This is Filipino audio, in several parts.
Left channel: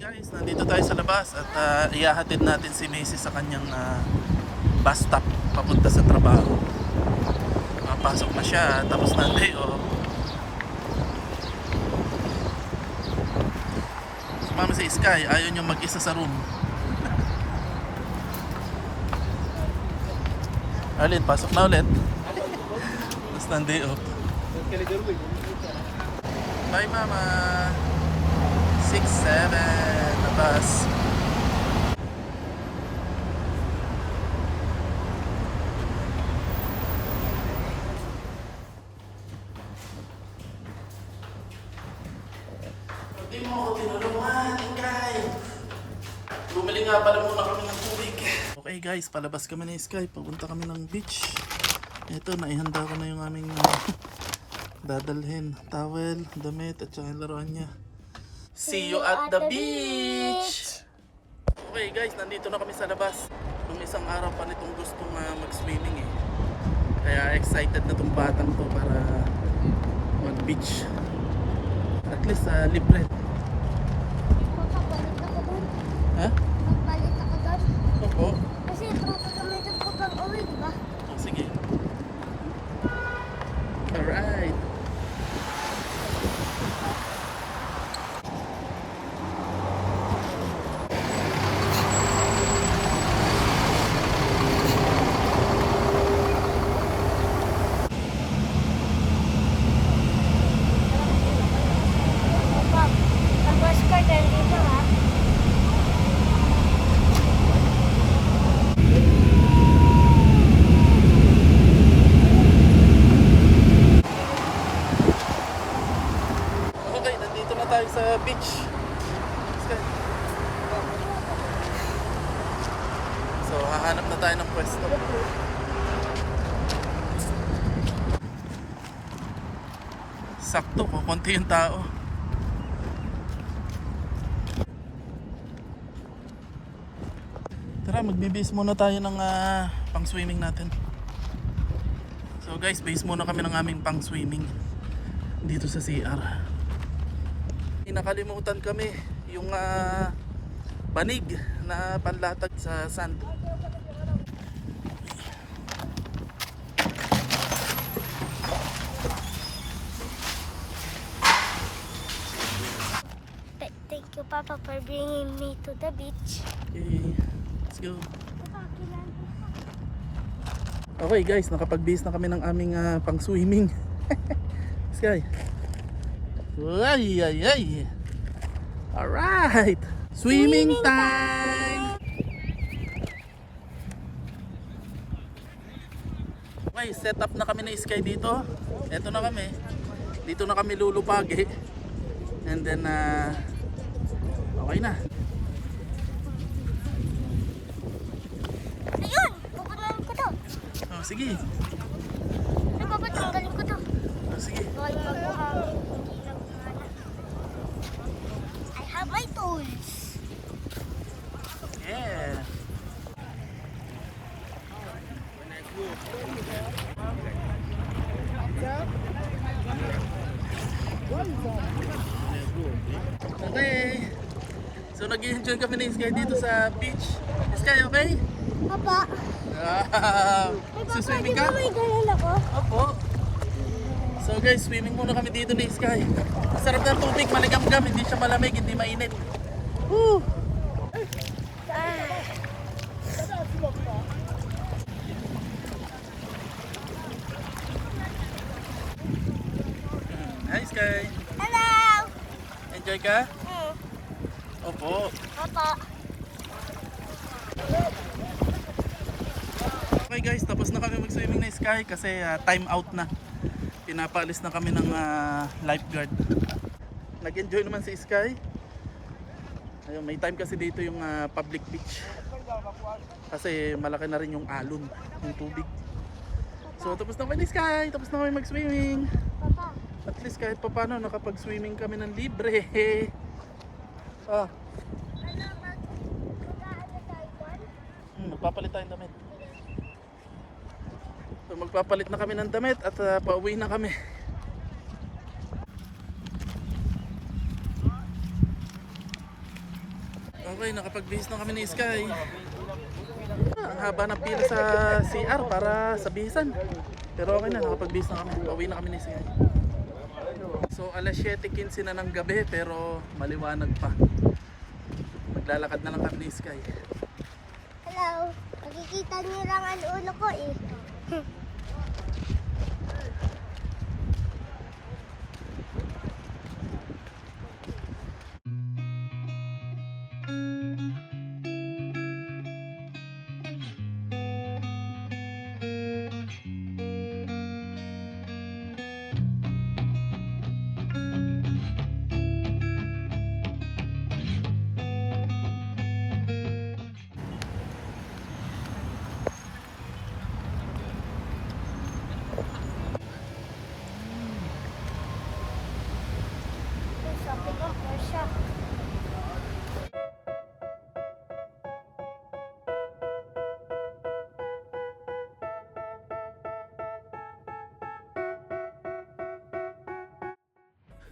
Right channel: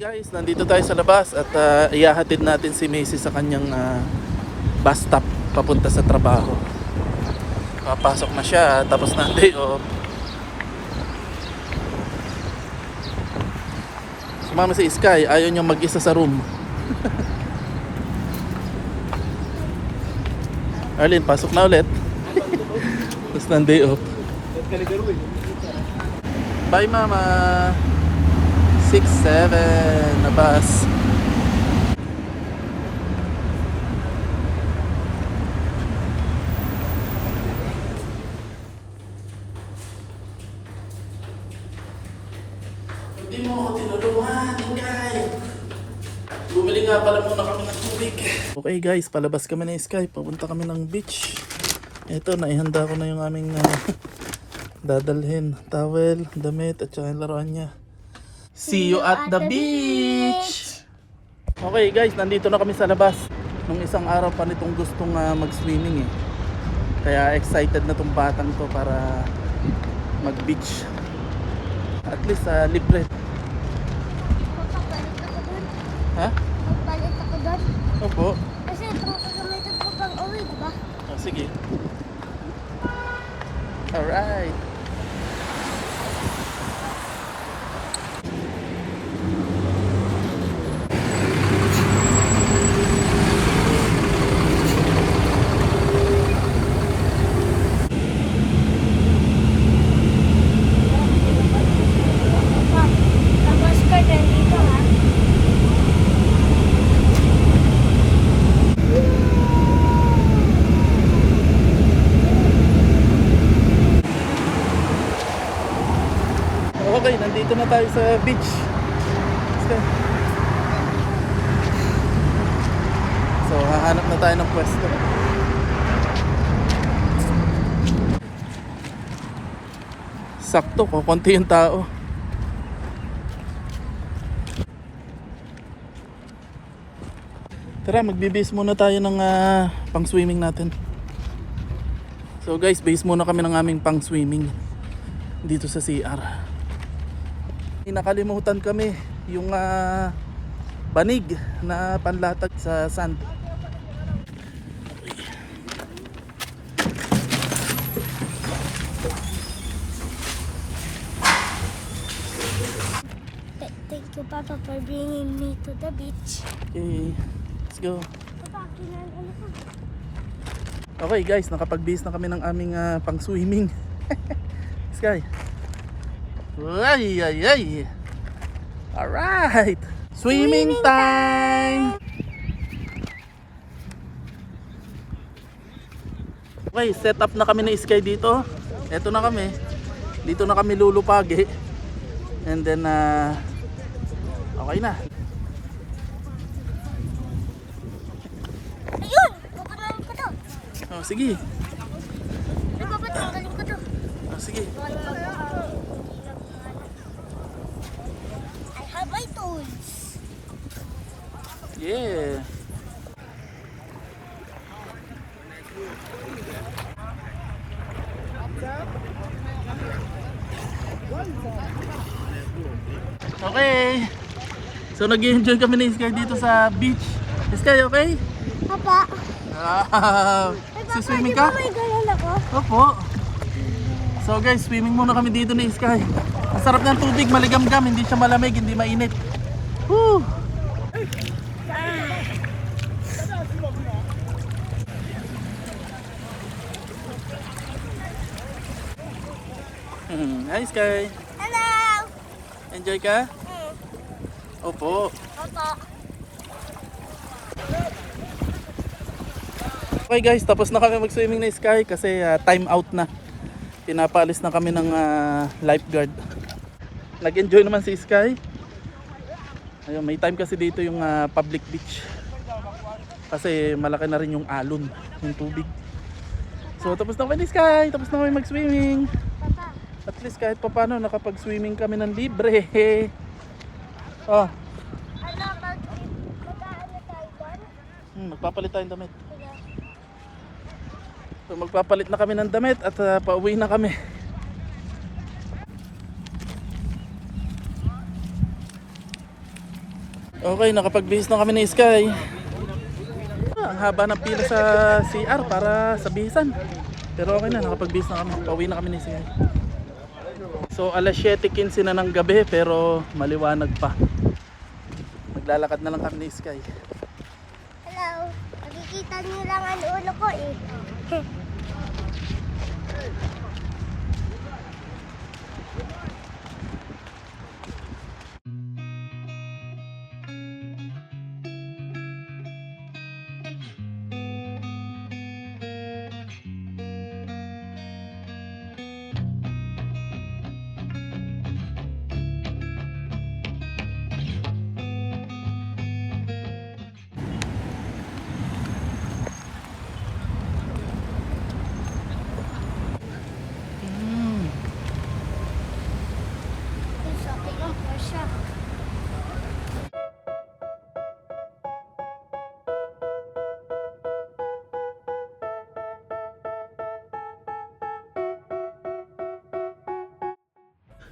Guys, nandito tayo sa labas at ihahatid natin si Macy sa kanyang bus stop papunta sa trabaho. Papasok na siya tapos na day off. Sumama si Sky, ayaw niyang mag-isa sa room. Arlene, pasok na ulit. Tapos na day off. Bye mama. 6-7 na bus. Hindi mo ako tinulungan, Ingay. Bumili nga pala muna kami ng tubig. Okay guys, palabas kami ng Sky. Papunta kami ng beach. Ito, naihanda ko na yung aming dadalhin. Towel, damit, at saka yung laruan niya. See you at the beach! Okay guys, nandito na kami sa labas. Nung isang araw pa nitong gustong mag-swimming eh. Kaya excited na tong batang to para mag-beach. At least libre. Ha? Magpalit ako doon. Opo. Kasi itong kagamitan ko pang uwi, diba? Oh, sige. Alright. Ang bus ka din dito, ha? Okay, nandito na tayo sa beach. Okay. So, hahanap na tayo ng pwesto. Sakto, konti yung tao. Tara, magbibis muna tayo ng pang swimming natin. So guys, base muna kami ng aming pang swimming dito sa CR. Nakalimutan kami yung banig na panlatag sa sand. Thank you, Papa, for bringing me to the beach. Okay, let's go. Okay guys, nakapag-base na kami ng aming pang swimming. Sky. Ay, ay, ay. Alright. Swimming time. Okay, set up na kami na Sky dito. Eto na kami. Dito na kami lulupagi. And then, okay na. Ayun! Pupuntahan ko to. Oh, sige. Ano ba tanggalin ko to? Oh, sige. I have my tools. Yeah. Okay. So nag-enjoy kami ni Sky dito sa beach. Sky, okay? Papa, Swimming ka? may ganun ako? Opo. So guys, swimming muna kami dito ni Sky. Ang sarap ng tubig, maligamgam, hindi siya malamig, hindi mainit. Woo! Hi Sky. Hello! Enjoy ka? Opo. Papa. Okay guys, tapos na kami mag-swimming na Sky kasi time out na. Pinapaalis na kami ng lifeguard. Nag-enjoy naman si Sky. Ayun, may time kasi dito yung public beach. Kasi malaki na rin yung alon, yung tubig. So tapos na kami ni Sky, tapos na kami mag-swimming. Papa. At least kahit pa paano nakapag-swimming kami ng libre. Oh, Ano, mag-ano tayo doon? magpapalit tayong damit. So magpapalit na kami ng damit at pauwi na kami. Okay, nakapagbihis na kami ni Sky. Ang haba ng pila sa CR para sa bihisan. Pero okay na, nakapagbihis na kami. Pauwi na kami ni Sky. So alas 7:15 na ng gabi pero maliwanag pa. Maglalakad na lang kami ni Sky. Hello. Nakikita niyo lang ang ulo ko eh. It's okay lang po siya.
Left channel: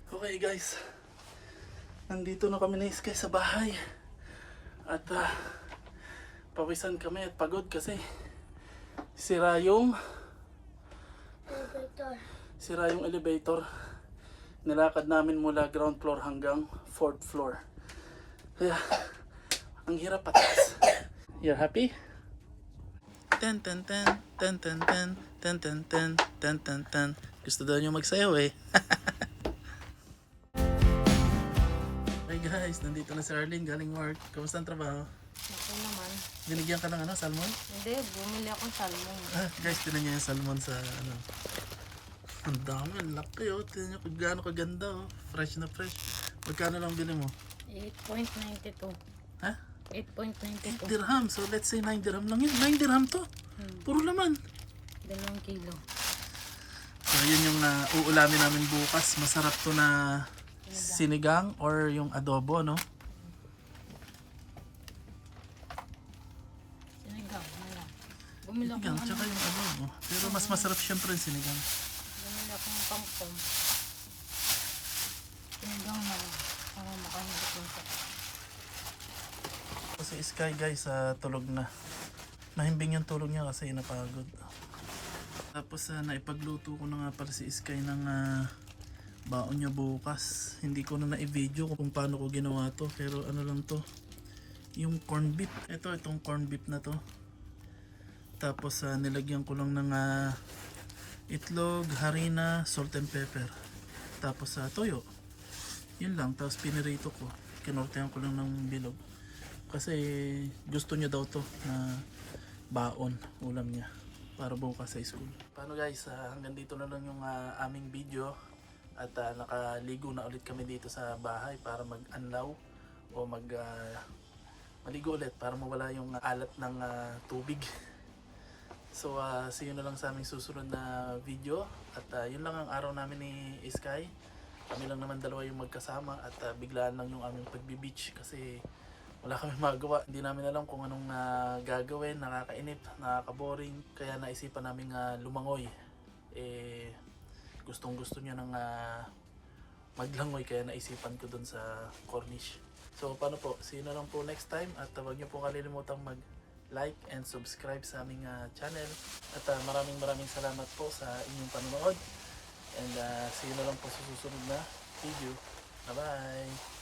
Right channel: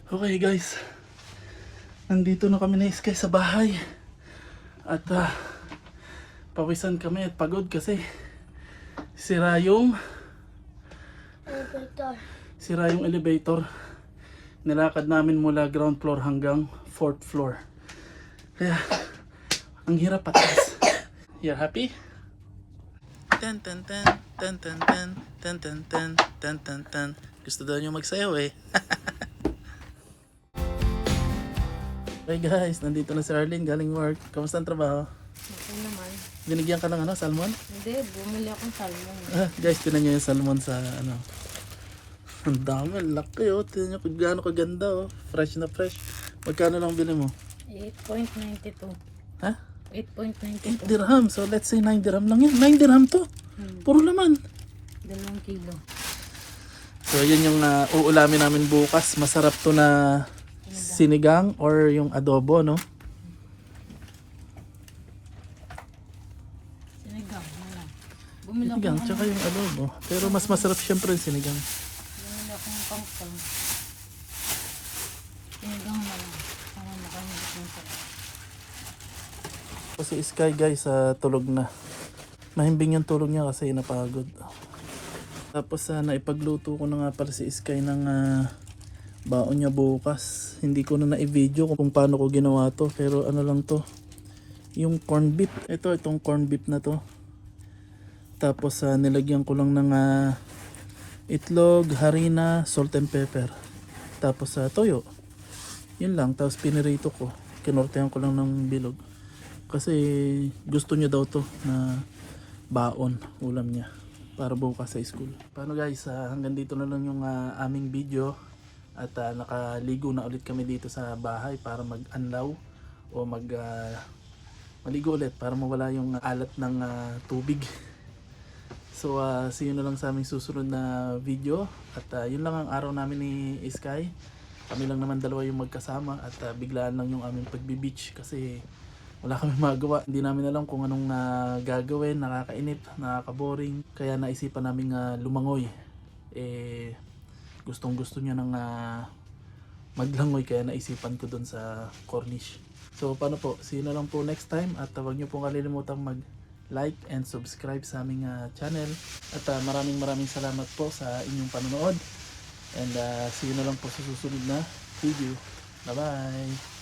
Okay guys, nandito na kami ni Sky sa bahay. At pawisan kami at pagod kasi sira yung Elevator. sira yung elevator. Nilakad namin mula ground floor hanggang 4th floor. Kaya ang hirap patas. You happy? Ten ten ten ten ten ten ten ten ten ten ten ten. Gusto daw niyo magsayaw eh. Hey guys, nandito na si Arlene galing work. Kamusta ang trabaho? Okay naman. Binigyan ka ng salmon? Hindi, bumili akong salmon. Guys, tinan nyo yung salmon sa Ang dami, laki oh. Tinan nyo kung gaano kaganda oh. Fresh na fresh. Magkano lang bili mo? 8.92. Ha? 8 8.92. dirham. So let's say 9 dirham lang yun. 9 dirham to. Puro laman. 2 kilo. So yun yung uulamin namin bukas. Masarap to na sinigang or yung adobo, no? Sinigang na lang. Bumili Sinigang, akong tsaka yung adobo. Pero mas masarap syempre yung sinigang. Bumili akong kangkong. Sinigang na lang. Para makahubot ng sarap. Kasi Sky guys, tulog na. Mahimbing yung tulog niya kasi napagod. Tapos naipagluto ko na nga pala si Sky ng baon niya bukas. Hindi ko na na-video kung paano ko ginawa to. Pero ano lang to. Yung corn beef. Itong corn beef na to. Tapos nilagyan ko lang ng itlog, harina, salt and pepper. Tapos toyo. Yun lang. Tapos pinirito ko. Kinortehan ko lang ng bilog. Kasi gusto niya daw to na baon. Ulam niya. Para bukas sa school. Paano guys? Hanggang dito na lang yung aming video. At nakaligo na ulit kami dito sa bahay para mag-anlaw o maligo ulit para mawala yung alat ng tubig. So see you na lang sa aming susunod na video. At yun lang ang araw namin ni Sky. Kami lang naman dalawa yung magkasama at biglaan lang yung aming pagbi-beach kasi wala kami magawa. Hindi namin alam kung anong gagawin, nakakainip, nakakaboring. Kaya naisipan namin lumangoy. Gustong gusto niya ng maglangoy kaya naisipan ko dun sa Cornish. So paano po, see you na lang po next time at huwag niyo pong kalilimutang mag-like and subscribe sa aming channel. At maraming salamat po sa inyong panonood. And see you na lang po sa susunod na video. Bye bye!